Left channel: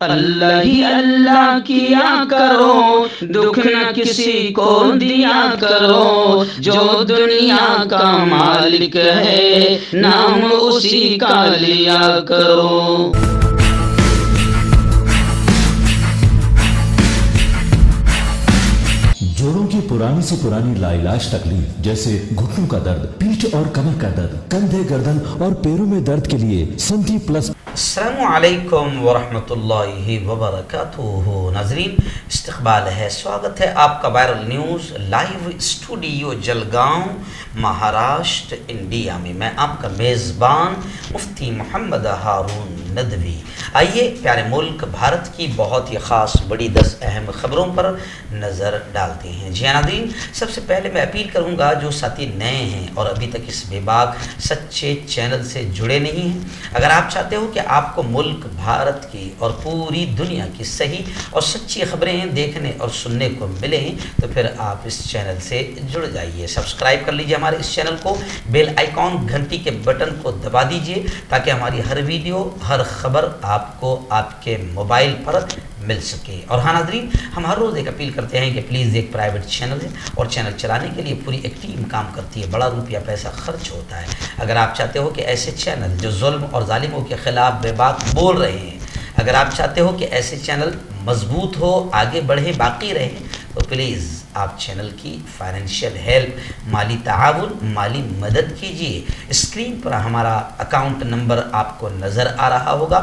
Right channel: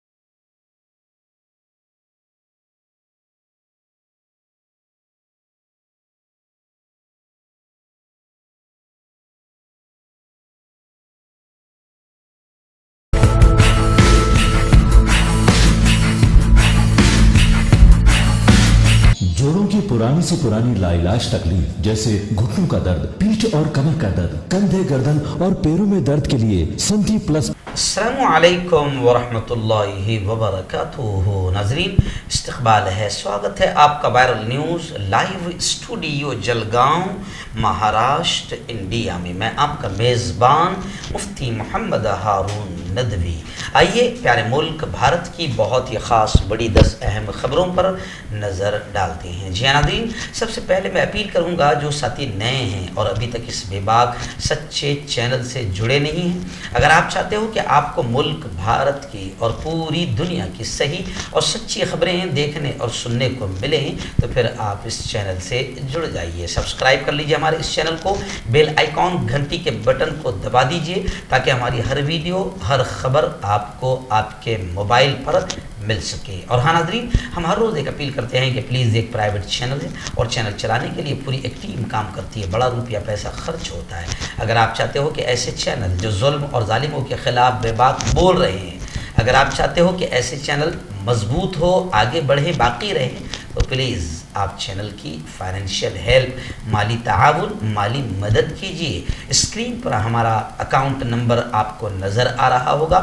اللہ ہی اللہ کیا کرو، دکھ نہ کسی کو دیا کرو، جو دنیا کا مالک ہے نام اسی کا لیا کرو۔ جوڑوں کی پرانی سے پرانی لاعلاج تکلیف جیسے گھٹنوں کا درد، پیٹھ اور کمر کا درد، کندھے، گردن اور پیروں میں درد کے لیے سنٹی پلس۔ السلام علیکم ورحمۃ اللہ وبرکاتہ۔ ناظرین، استقبال ہے، سواگت ہے آپ کا viral news live studio Jalgaon, Maharashtra, India میں۔ میں آپ کا میزبان مفتی محمد ہارون ندوی۔ آئیے پیارے ملک بھارت کی بہت ہی خاص بڑی 10 اہم خبروں پر نظر ڈالتے ہیں۔ جی ناظرین، سب سے پہلے میں اپیل کروں گا جو ساتھی نئے ہیں اور ابھی تک اس بے باک سچے چینل سے جڑے نہیں ہیں، اگر آپ چاہتے ہو کہ آپ کو ملک بھارت کی اور پوری دنیا کی صحیح اور سچی خبریں دیکھنے اور سننے کو ملیں تو پھر آپ اس چینل سے جڑ جائیے۔ سبسکرائب کر لیجیے ہمارے اس چینل کو، بیل آئیکن گھنٹی کے بٹن کو دبا دیجیے تاکہ ہماری ہر ویڈیو، ہر خبر آپ کو آپ کے موبائل پر مل سکے۔ اور ہاں ناظرین، ہم ہر روز ایک اپیل کرتے ہیں کہ پلیز ایک پرائیویٹ چینل ہے اور چینل چلانے کے لیے پوری ایک ٹیم کام کرتی ہے، بڑا روپیہ پیسہ خرچ ہوتا ہے۔ اگر آپ چاہتے ہو کہ ایسے چینل جو ظلم اور ظالموں کے خلاف بے باک بول رہے ہیں، اگر آپ چاہتے ہو کہ ایسے چینل مضبوط ہو، آگے بڑھیں، باقی رہیں، تو پلیز آپ چینل کی فائنینشیل ہیلپ، مالی تعاون، مالی مدد کیجیے۔ اسکرین پر ہمارا اکاؤنٹ نمبر آپ کو نظر آ رہا ہوگا،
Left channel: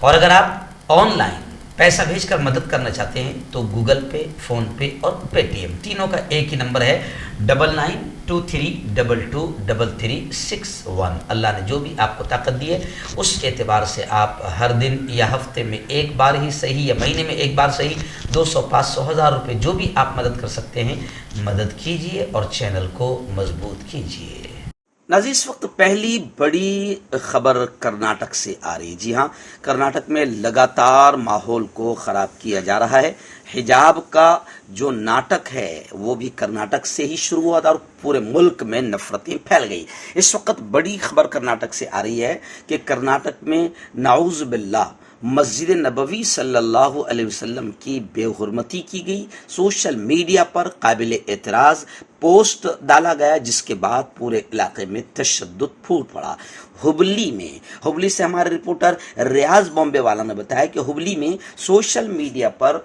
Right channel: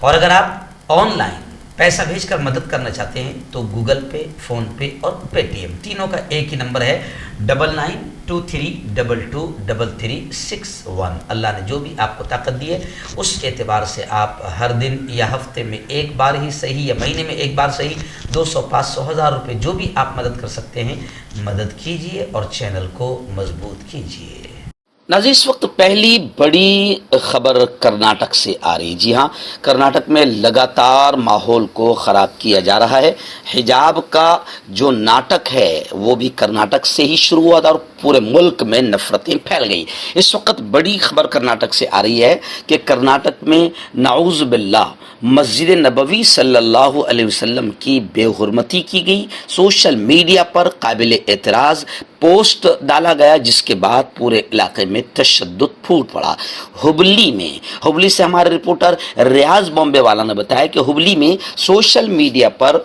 اور اگر آپ آن لائن پیسہ بھیج کر مدد کرنا چاہتے ہیں تو گوگل پے، فون پے اور پے ٹی ایم تینوں کا ایک ہی نمبر ہے 9923223361۔ اللہ نے جو بھی آپ کو طاقت دی ہے اس اعتبار سے آپ ہر دن یا ہفتے میں ایک بار ہی صحیح یا مہینے میں ایک بار صحیح 200، 500، 1000 روپے جو بھی آپ مدد کر سکتے ہیں مدد کیجیے اور چینل کو مضبوط کیجیے۔ ناظرین، اس وقت پہلی بڑی خبر کرناٹک سے آ رہی۔ جی ہاں، کرناٹک میں لگاتار ماحول کو خراب کیا جا رہا ہے۔ حجاب کا جو ناٹک ہے وہ بھی کرناٹک سے ہی شروع ہوا تھا اور پورے ملک میں نفرتیں پھیل گئی۔ اس وقت بڑی خبر کرناٹک سے آ رہی ہے کہ کرناٹک میں نعوذ باللہ مسجد نبوی صلی اللہ علیہ وسلم کی بے حرمتی کی گئی۔ سوشل میڈیا پر قابل اعتراض پوسٹ ڈالا گیا جس کے بعد پورے علاقے میں تشدد پھوٹ پڑا۔ ہبلی سے ہمارے رپورٹر ریاض بامبے والا نے بتایا کہ ہبلی میں سوشل میڈیا پر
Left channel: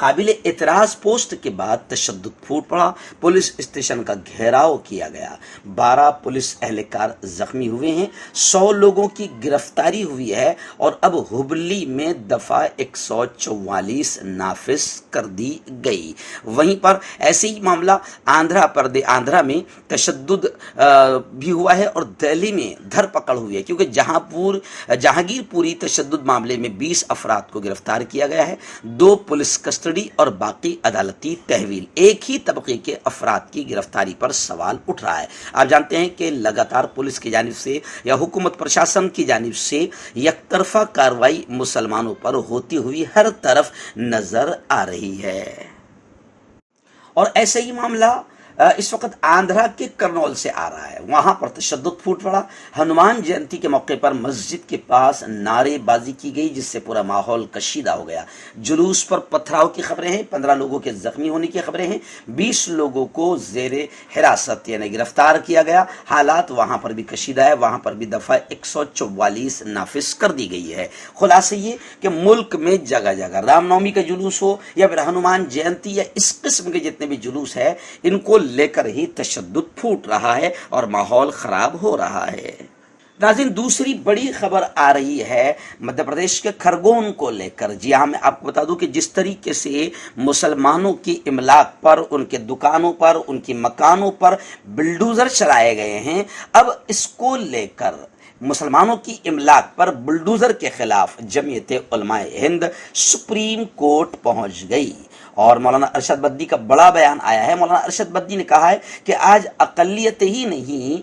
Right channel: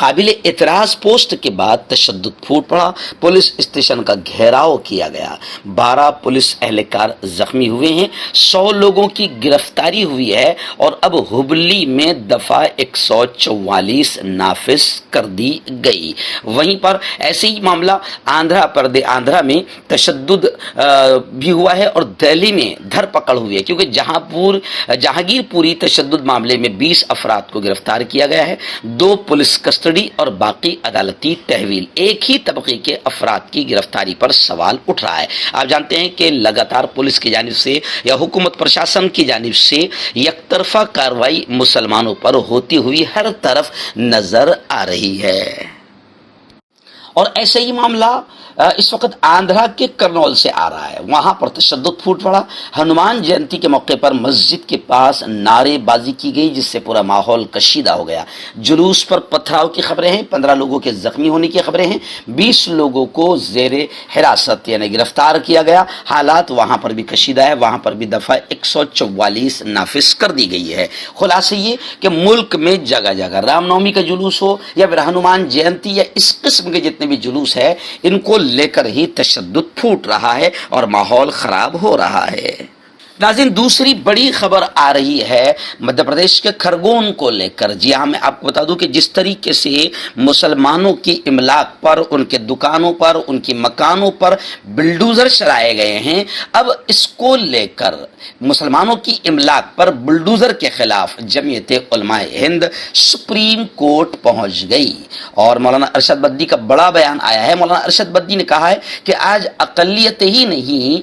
قابل اعتراض پوسٹ کے بعد تشدد پھوٹ پڑا، پولیس اسٹیشن کا گھیراؤ کیا گیا، 12 پولیس اہلکار زخمی ہوئے ہیں، 100 لوگوں کی گرفتاری ہوئی ہے اور اب ہبلی میں دفعہ 144 نافذ کر دی گئی۔ وہیں پر ایسے ہی معاملہ آندھرا میں تشدد بھی ہوا ہے اور دہلی میں دھر پکڑ ہوئی ہے، کیونکہ جہانگیر پوری تشدد معاملے میں 20 افراد کو گرفتار کیا گیا ہے، 2 پولیس کسٹڈی اور باقی عدالتی تحویل۔ ایک ہی طبقے کے افراد کی گرفتاری پر سوال اٹھ رہا ہے۔ آپ جانتے ہیں کہ لگاتار پولیس کی جانب سے یا حکومت پرشاسن کی جانب سے یک طرفہ کارروائی مسلمانوں پر ہوتی ہوئی ہر طرف نظر آ رہی ہے۔ اور ایسا ہی معاملہ اس وقت آندھرا کے کرنول سے آ رہا ہے، وہاں پر تشدد پھوٹ پڑا۔ ہنومان جینتی کے موقع پر مسجد کے پاس نعرے بازی کی گئی جس سے پورا ماحول کشیدہ ہو گیا۔ جلوس پر پتھراؤ کی خبریں ہیں، 15 لوگوں کے زخمی ہونے کی خبریں ہیں، 20 لوگوں کو زیر حراست یعنی گرفتار کیا گیا۔ حالات وہاں پر بھی کشیدہ ہے، وہاں پر بھی دفعہ 144 نافذ کر دی گئی ہے۔ خلاصہ یہ کہ ملک میں جگہ جگہ رام نومی کا جلوس ہو یا پھر ہنومان جینتی یا اس قسم کے جتنے بھی جلوس ہے، ان کو لے کر ہی تشدد پھوٹ رہا ہے اور ماحول خراب ہو رہا ہے۔ ناظرین، دوسری بڑی خبر آ رہی ہے مدھیہ پردیش کے کھرگون کو لے کر۔ جی ہاں، میں آپ کو بتا دوں کہ جس طریقے سے مسلمانوں کی املاک پر، ان کے دکانوں پر، ان کی مکانوں پر بلڈوزر چلائے گئے ہیں، اب اس کو لے کر مسلمانوں کی املاک پر بلڈوزر کے خلاف جمعیت علماء ہند سپریم کورٹ پہنچ گئی اور مولانا ارشد بدی کا بڑا بیان آیا ہے۔ مولانا ارشد بدی نے کہا ہے کہ آج اقلیت ہی نہیں،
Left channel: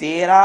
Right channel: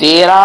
13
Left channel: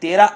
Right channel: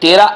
13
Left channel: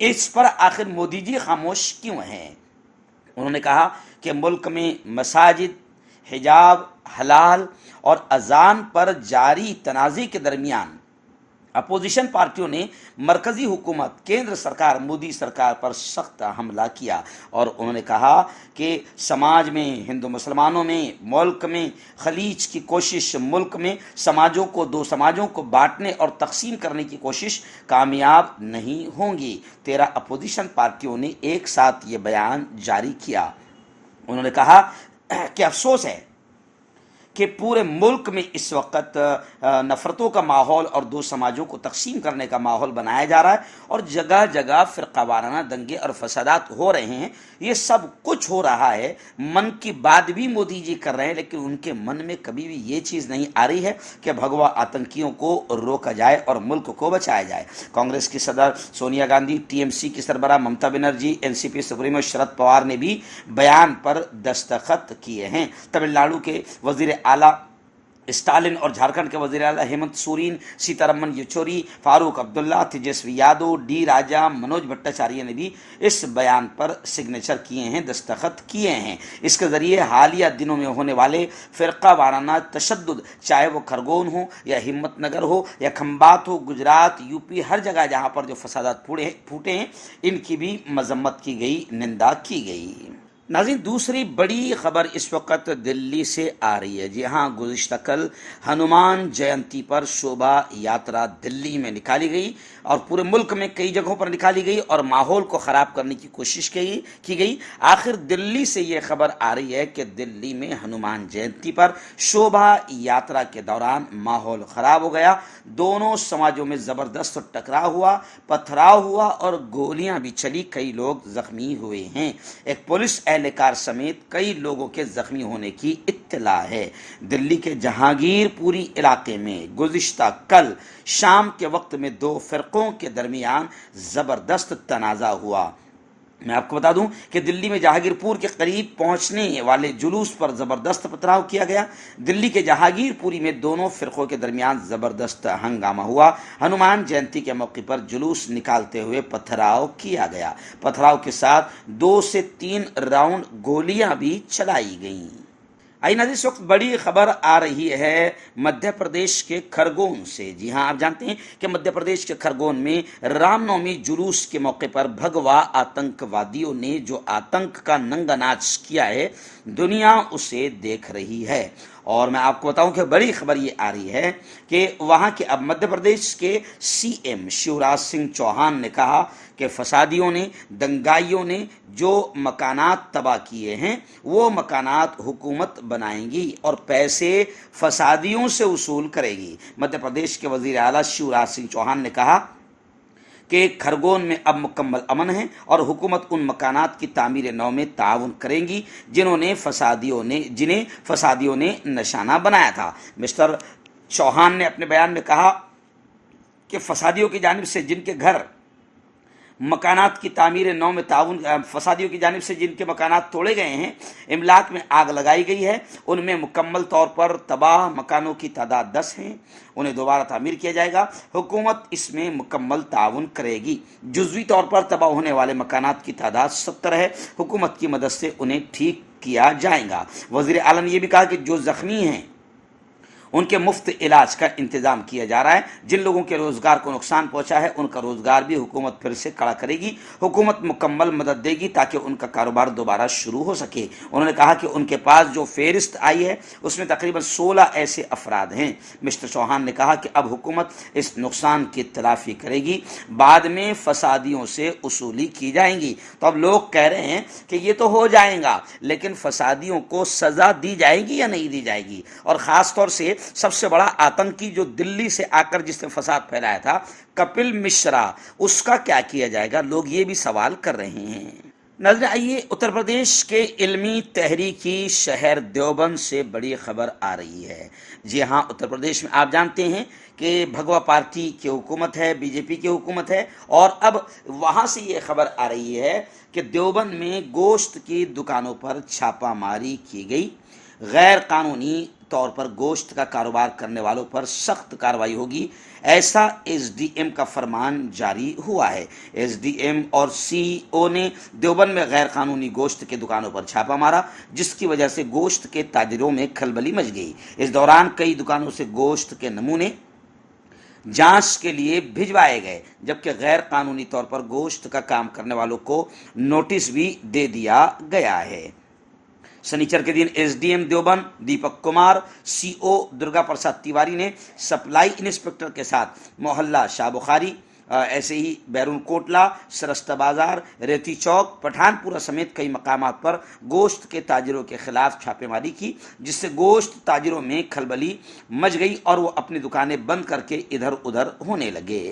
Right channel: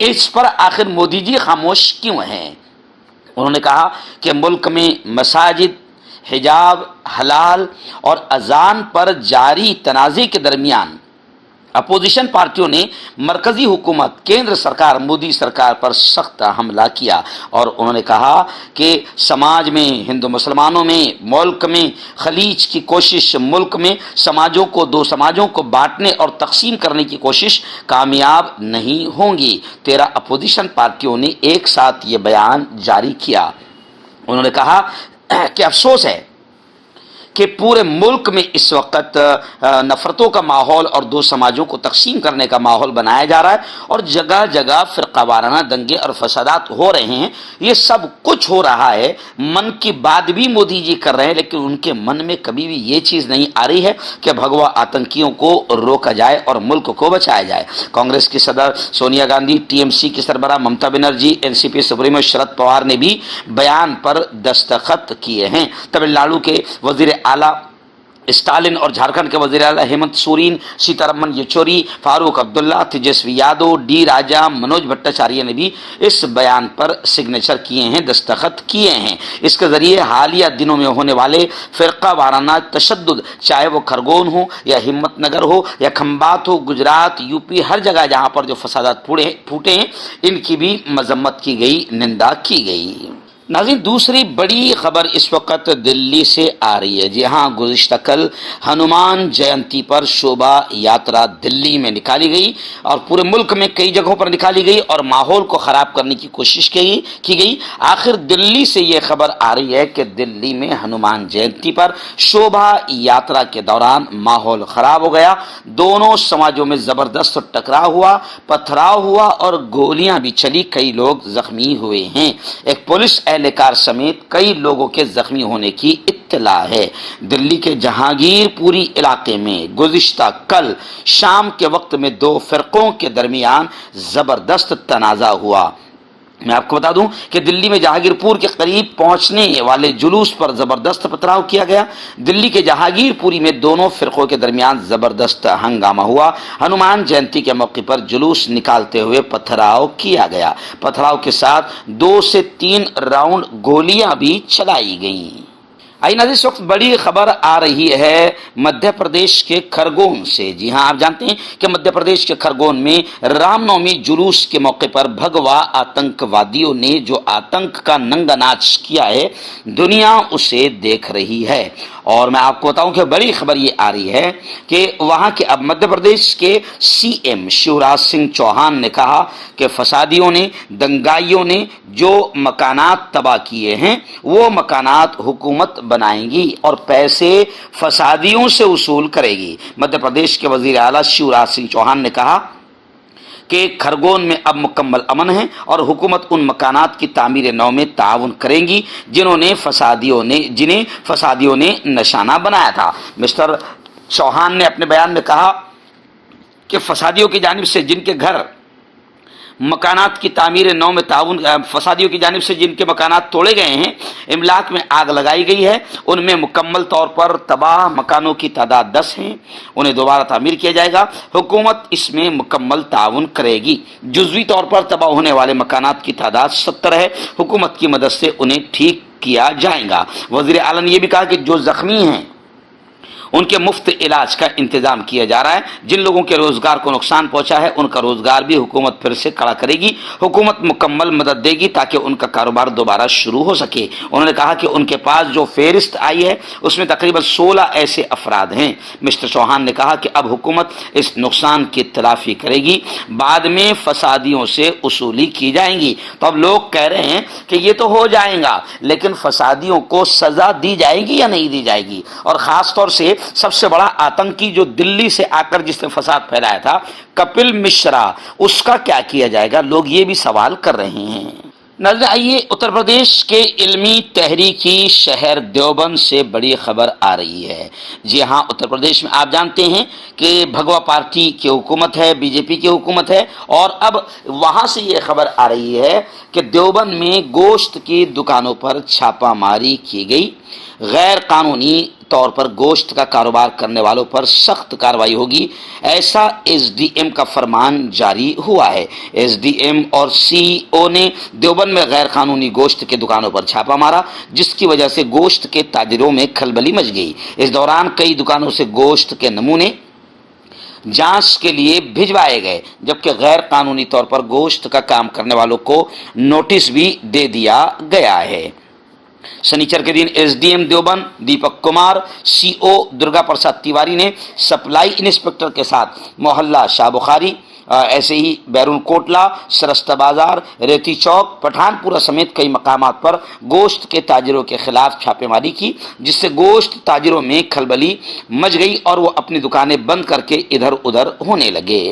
اس پر آخر مودی جی خاموش کیوں ہیں؟ انہوں نے کہا کہ ملک میں مساجد، حجاب، حلال اور اذان پر جاری تنازع کے درمیان اپوزیشن پارٹیوں نے مرکزی حکومت، کیندر سرکار، مودی سرکار پر سخت حملہ کیا، اور انہوں نے کہا کہ سماج میں، ہندو مسلمانوں میں، ملک میں خلیج کی کوشش، ملک میں سماجوں کو، دو سماجوں کو بانٹنے اور تقسیم کرنے کی کوشش کامیاب نہیں ہوں گی۔ 13 اپوزیشن پارٹیوں نے ایک ساتھ یہ بیان جاری کیا۔ انہوں نے کہا کہ افسوس ہے کہ پورے ملک میں اس وقت نفرتوں کا ماحول اور دو سماجوں کو تقسیم کرنے کا ماحول بنایا جا رہا ہے، اور جگہ جگہ فرقہ وارانہ دنگے اور فسادات ہو رہے ہیں۔ یہ سب کچھ ہو رہا ہے، من کی بات بھی مودی جی کر رہے ہیں، لیکن ان کے من میں کبھی بھی یہ چیز نہیں آ رہی ہے کہ بھگوا آتنکیوں کو روکا جائے اور ملک کو بچایا جائے۔ کانگریس کی صدر Sonia Gandhi, T M C کی سربراہ Mamata Banerjee, N C P supremo Sharad Pawar نے بھی بیان پر دستخط کیے ہیں۔ تمل ناڈو کے وزیر اعلیٰ اسٹالن اور جھارکھنڈ کے وزیر اعلیٰ ہیمنت سورین، سیتارمن یچوری، فاروق عبداللہ، تیجسوی یادو، ڈی راجا، منوج بھٹاچاریہ نے بھی اس بیان پر سگنیچر کیے ہیں، دستخط کیے ہیں۔ اس کے ذریعے حالیہ دنوں میں ہونے والے فرقہ وارانہ تشدد، چاہے وہ کھرگون ہو یا ہمت نگر ہو یا کھمبات ہو، گجرات، یو پی، ہر جگہ جہاں پر جو فسادات پھوٹے ہیں، ان کی بھی مذمت کی گئی، نندا کی گئی۔ ناظرین، دوسری بڑی خبر اس وقت دلی سے آ رہی ہے۔ جی ہاں، گزشتہ کل ہنومان جینتی پر شوبھا یاترا دلی میں نکالی گئی اور پورے ملک میں کئی جگہوں پر نکالی گئی اور ماحول کو خراب کرنے کی کوشش کی گئی۔ آخر دلی سے یہ خبر آ رہی ہے کہ دلی میں ہنومان جینتی پر شوبھا یاترا کے دوران ماحول خراب ہو گیا، دونوں سماجوں میں زبردست ٹکراؤ ہوا، پتھراؤ ہوا اور گولیاں بھی چلی، کئی لوگ زخمی ہوئے ہیں۔ ایک پولیس اہلکار سمیت کئی لوگوں کے زخمی ہونے کی اطلاع ہے۔ دلی کے جہانگیر پوری علاقے میں گزشتہ کل شام کے وقت میں دو فرقوں کے درمیان زبردست تنازع ہوا۔ میں آپ کو بتا دوں کہ دلی میں جہانگیر پور کے قریب پہنچنے والے جلوس پر زبردست پتھراؤ کیا گیا۔ دلی کے جہانگیر پوری میں دونوں فرقوں کے درمیان زبردست ہنگامہ ہوا۔ ہنومان جینتی کے موقع پر جلوس نکالتے ہوئے پتھراؤ کیا گیا۔ پتھراؤ کے ساتھ 2 سے 3 راؤنڈ گولیاں بھی چلائی گئیں۔ آئیے ناظرین، اس وقت بڑی خبر آ رہی ہے مدھیہ پردیش کے کھرگون سے۔ جی ہاں، آپ جانتے ہیں کہ مدھیہ پردیش کے کھرگون میں رام نومی جلوس کے موقع پر بھگوا آتنکوادیوں نے جو آتنک کا ننگا ناچ کیا ہے، دنیا اسے دیکھ رہی ہے۔ اور میں آپ کو بتاؤں کہ بڑی خبر یہ آ رہی ہے کہ وہاں کے اب مدھیہ پردیش کے سی ایم شیوراج سنگھ چوہان نے کہا کہ فسادیوں نے، دنگائیوں نے جو مکانات تباہ کیے ہیں، وہ مکانات حکومت بنائیں گی اور پیسے فسادیوں سے وصول کرے گی۔ مدھیہ پردیش کے وزیر اعلیٰ شیوراج سنگھ چوہان نے کہا کہ کھرگون میں اب مکمل امن ہے اور حکومت ان مکانات کی تعمیر نو میں تعاون کریں گی جنہیں فسادیوں نے نشانہ بنایا تھا۔ مسٹر چوہان نے اپنے بیان میں کہا کہ فسادیوں کی جانب سے جن کے گھر مکانات کی تعمیر نو میں تعاون، فسادیوں کی جانب سے جن کے مکانات توڑے گئے ہیں، املاک میں آگ لگائی گئی ہے، ان میں مکمل طور پر تباہ مکانوں کی تعداد 10 ہیں، انہیں دوبارہ تعمیر کیا جائے گا۔ حکومت اس میں مکمل تعاون کرے گی۔ جزوی طور پر تباہ ہونے والے مکانات کی تعداد 70 ہے، حکومت کی مدد سے انہیں ٹھیک کیا جائے گا۔ وزیر اعلیٰ نے یہ بھی کہا کہ جو زخمی ہیں ان کے مفت علاج کا انتظام کیا جا رہا ہے۔ جن لوگوں کے روزگار کو نقصان پہنچا ہے ان کا روزگار بھی حکومت پھر سے کھڑا کرے گی۔ حکومت مکمل مدد دے گی تاکہ ان کا کاروبار دوبارہ شروع ہو سکے۔ انہوں نے کہا کہ ان کے پاس جو فہرست آئی ہے اس میں تقریباً 16 ایسے افراد ہیں۔ مسٹر چوہان نے کہا کہ اب حکومت اس نقصان کی تلافی کرے گی، بعد میں فسادیوں سے وصولی کی جائیں گی۔ تو اب لوگ کہہ رہے ہیں کہ یہ تو ہو جائے گا، لیکن فسادیوں کو سزا دی جائے گی یا نہیں دی جائے گی؟ اور خاص طور سے سب سے بڑا آتنکی جو دلی سے آ کر جس نے فساد پھیلایا تھا، کپل مشرا، اس کا کیا کیا جائے گا؟ لوگ یہ بھی سوال کر رہے ہیں۔ ناظرین، آئیے اتر پردیش کے علمی تحریکی شہر دیوبند سے بڑی خبر آ رہی ہے۔ جی ہاں، اتر پردیش میں آپ جانتے ہیں کہ بھگوا پارٹی کی حکومت ہے، بی جے پی کی حکومت ہے، اور اب وہاں سے یہ خبر آ رہی ہے کہ دیوبند میں گوشت کی دکانوں پر چھاپہ ماری کی گئی۔ غیر قانونی طور پر گوشت کا کاروبار کرنے والوں پر سخت کارروائی ہوگی، ایسا ایس ڈی ایم کا فرمان جاری ہوا ہے۔ ایس ڈی ایم اور سی او نے دیوبند میں غیر قانونی گوشت کے دکانوں پر چھاپا مارا، جس کی وجہ سے گوشت کے تاجروں میں کھلبلی مچ گئی۔ اس دوران کئی دکانوں سے گوشت کے نمونے جانچ کے لیے بھجوائے گئے، جبکہ غیر قانونی طور پر گوشت کا کام کرنے والوں کو نوٹس بھی دے دیا گیا ہے۔ شنیچر کے دن S D M Deoband Deepak Kumar, C O Durga Prasad Tiwari نے سپلائی انسپکٹر کے ساتھ محلہ شاہ بخاری، ایسے ہی بیرون کوٹلا، سرستہ بازار، ریتی چوک، پٹھان پورہ سمیت کئی مقامات پر گوشت کے تاجروں کے خلاف چھاپے ماری کی، جس سے گوشت تاجروں میں کھلبلی مچ گئی اور وہ اپنی دکانیں بند کر کے ادھر ادھر ہونے لگے۔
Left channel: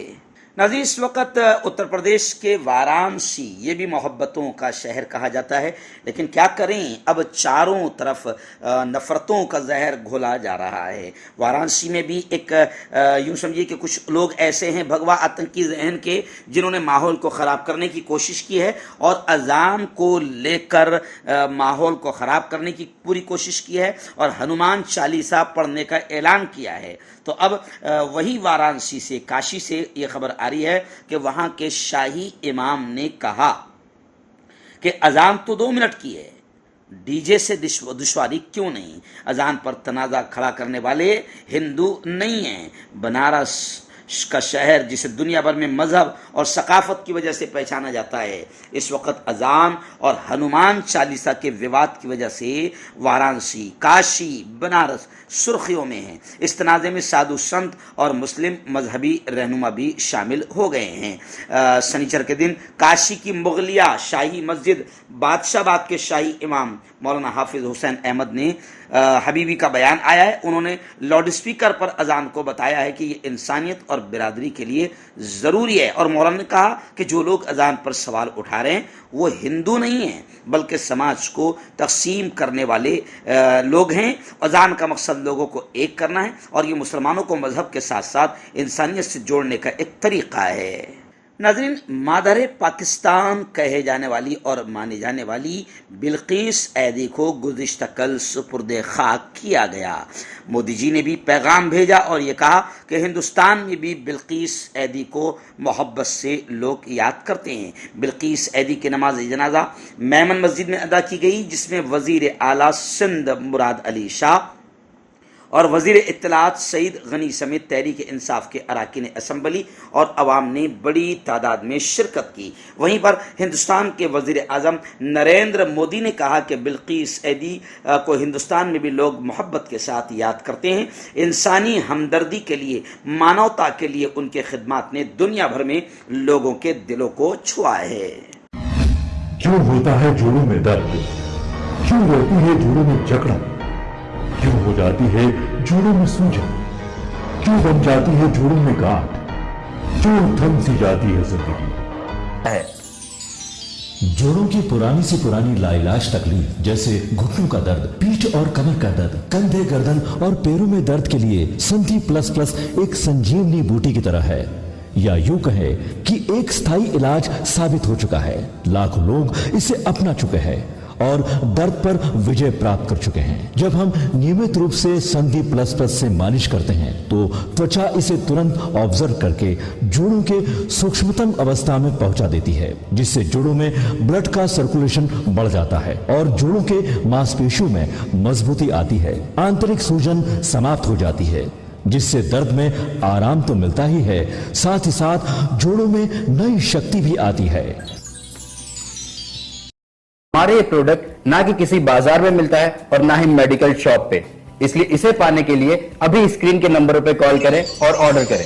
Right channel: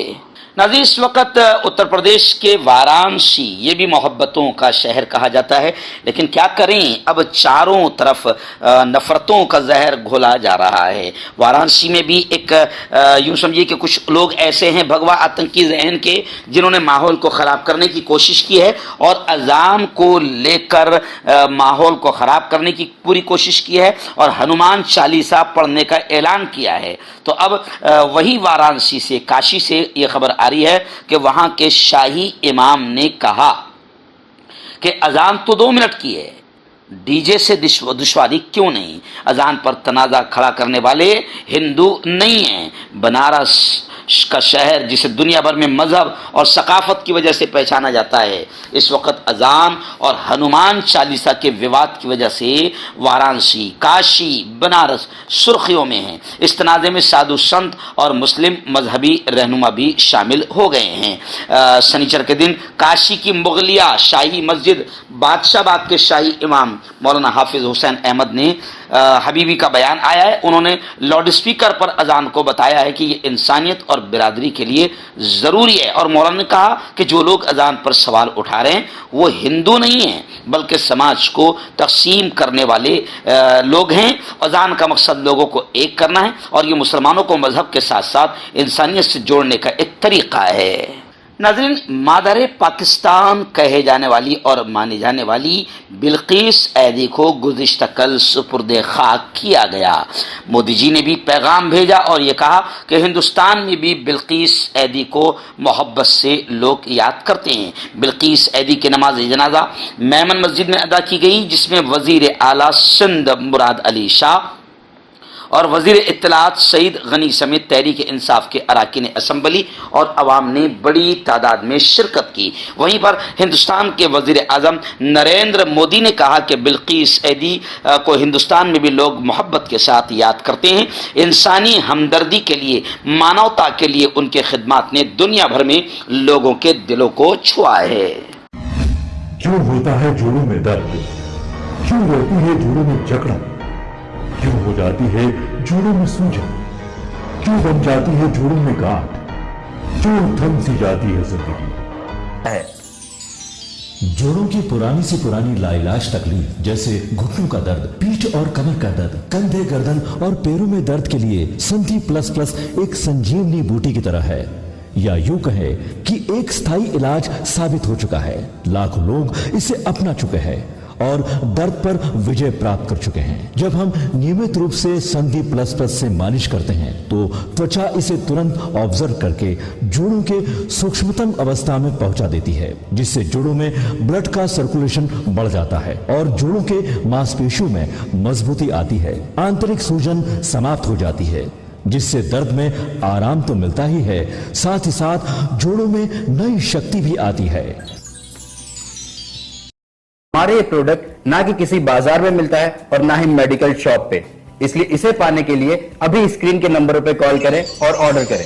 ناظرین، اس وقت اتر پردیش کے وارانسی، یہ بھی محبتوں کا شہر کہا جاتا ہے، لیکن کیا کریں، اب چاروں طرف نفرتوں کا زہر گھولا جا رہا ہے۔ وارانسی میں بھی ایک یوں سمجھیے کہ کچھ لوگ ایسے ہیں بھگوا آتنکی ذہن کے، جنہوں نے ماحول کو خراب کرنے کی کوشش کی ہے اور اذان کو لے کر ماحول کو خراب کرنے کی پوری کوشش کی ہے اور ہنومان چالیسا پڑھنے کا اعلان کیا ہے۔ تو اب وہی وارانسی سے، کاشی سے یہ خبر آ رہی ہے کہ وہاں کے شاہی امام نے کہا کہ اذان تو 2 منٹ کی ہے، ڈی جے سے دشواری کیوں نہیں؟ اذان پر تنازع کھڑا کرنے والے ہندو نہیں ہیں۔ بنارس کا شہر جسے دنیا بھر میں مذہب اور ثقافت کی وجہ سے پہچانا جاتا ہے، اس وقت اذان اور ہنومان چالیسا کے وواد کی وجہ سے وارانسی، کاشی، بنارس سرخیوں میں ہیں۔ اس تنازع میں سادھو سنت اور مسلم مذہبی رہنما بھی شامل ہو گئے ہیں۔ سنیچر کے دن کاشی کی مغلیہ شاہی مسجد بادشاہ باغ کے شاہی امام مولانا حافظ حسین احمد نے حبیبی کا بیان آیا ہے۔ انہوں نے لاؤڈ اسپیکر پر اذان کو بتایا ہے کہ یہ انسانیت اور برادری کے لیے ضروری ہے، اور مولانا نے کہا کہ جو لوگ اذان پر سوال اٹھا رہے ہیں وہ ہندو نہیں ہیں بلکہ سماج کو تقسیم کرنے والے لوگ ہیں۔ اذان کا مقصد لوگوں کو ایک کرنا ہے اور یہ مسلمانوں کو مذہب کے ساتھ ساتھ انسانیت سے جوڑنے کا ایک طریقہ ہے۔ ناظرین، مادر پاکستان کہے جانے والی اور مانی جانے والی بلقیس ایدی کو گزشتہ کل سپرد خاک کیا گیا۔ مودی جی نے بھی پیغام بھیجا اور یہ کہا کہ ہندوستان میں بھی بلقیس ایدی کو محبت سے لوگ یاد کرتے ہیں۔ بلقیس ایدی کی نماز جنازہ میمن مسجد میں ادا کی گئی، جس میں وزیر اعلیٰ سندھ مراد علی شاہ اور وزیر اطلاعات سعید غنی سمیت تحریک انصاف کے اراکین اسمبلی اور عوام نے بڑی تعداد میں شرکت کی۔ وہیں پر ہندوستان کے وزیر اعظم نریندر مودی نے کہا کہ بلقیس ایدی کو ہندوستان میں بھی لوگ محبت کے ساتھ یاد کرتے ہیں۔ انسانی ہمدردی کے لیے، مانوتا کے لیے ان کے خدمات نے دنیا بھر میں لوگوں کے دلوں کو چھوا ہے۔ کیوں ہوتا ہے جوڑوں میں درد؟ کیوں رہتی ہے جوڑوں میں جکڑن؟ کیوں ہو جاتی ہے جوڑوں میں سوجن؟ کیوں بن جاتی ہے جوڑوں میں گاٹھ؟ کیوں تھم سی جاتی ہے زندگی؟ جوڑوں کی پرانی سے پرانی لاعلاج تکلیف جیسے گھٹنوں کا درد، پیٹھ اور کمر کا درد، کندھے، گردن اور پیروں میں درد کے لیے سنتھی پلس پلس ایک سنجیونی بوٹی کی طرح ہے، یا یوں کہے کہ ایک استھائی علاج ثابت ہو چکا ہے۔ لاکھوں لوگ اسے اپنا چکے ہیں اور درد پر وجے پراپت کر چکے ہیں۔ جب ہم نیمت روپ سے سندھی پلس پلس سے مالش کرتے ہیں تو توچا اسے ترنت آبزرو کر کے جوڑوں کے سوکشمتم اوستھا میں پہنچا دیتی ہے، جس سے جوڑوں میں بلڈ کا سرکولیشن بڑھ جاتا ہے اور جوڑوں کے ماس پیشیوں میں مضبوطی آتی ہے، آنترک سوجن سماپت ہو جاتی ہے، جس سے درد میں آرام تو ملتا ہی ہے، ساتھ ہی ساتھ جوڑوں میں نئی شکتی بھی آتی ہے۔ ہمارے یہ پروڈکٹ نہ کہ کسی بازار میں ملتا ہے اور نہ ہی میڈیکل شاپ پہ، اس لیے اسے پانے کے لیے ابھی اسکرین کے نمبروں پہ کال کریں اور آرڈر کریں۔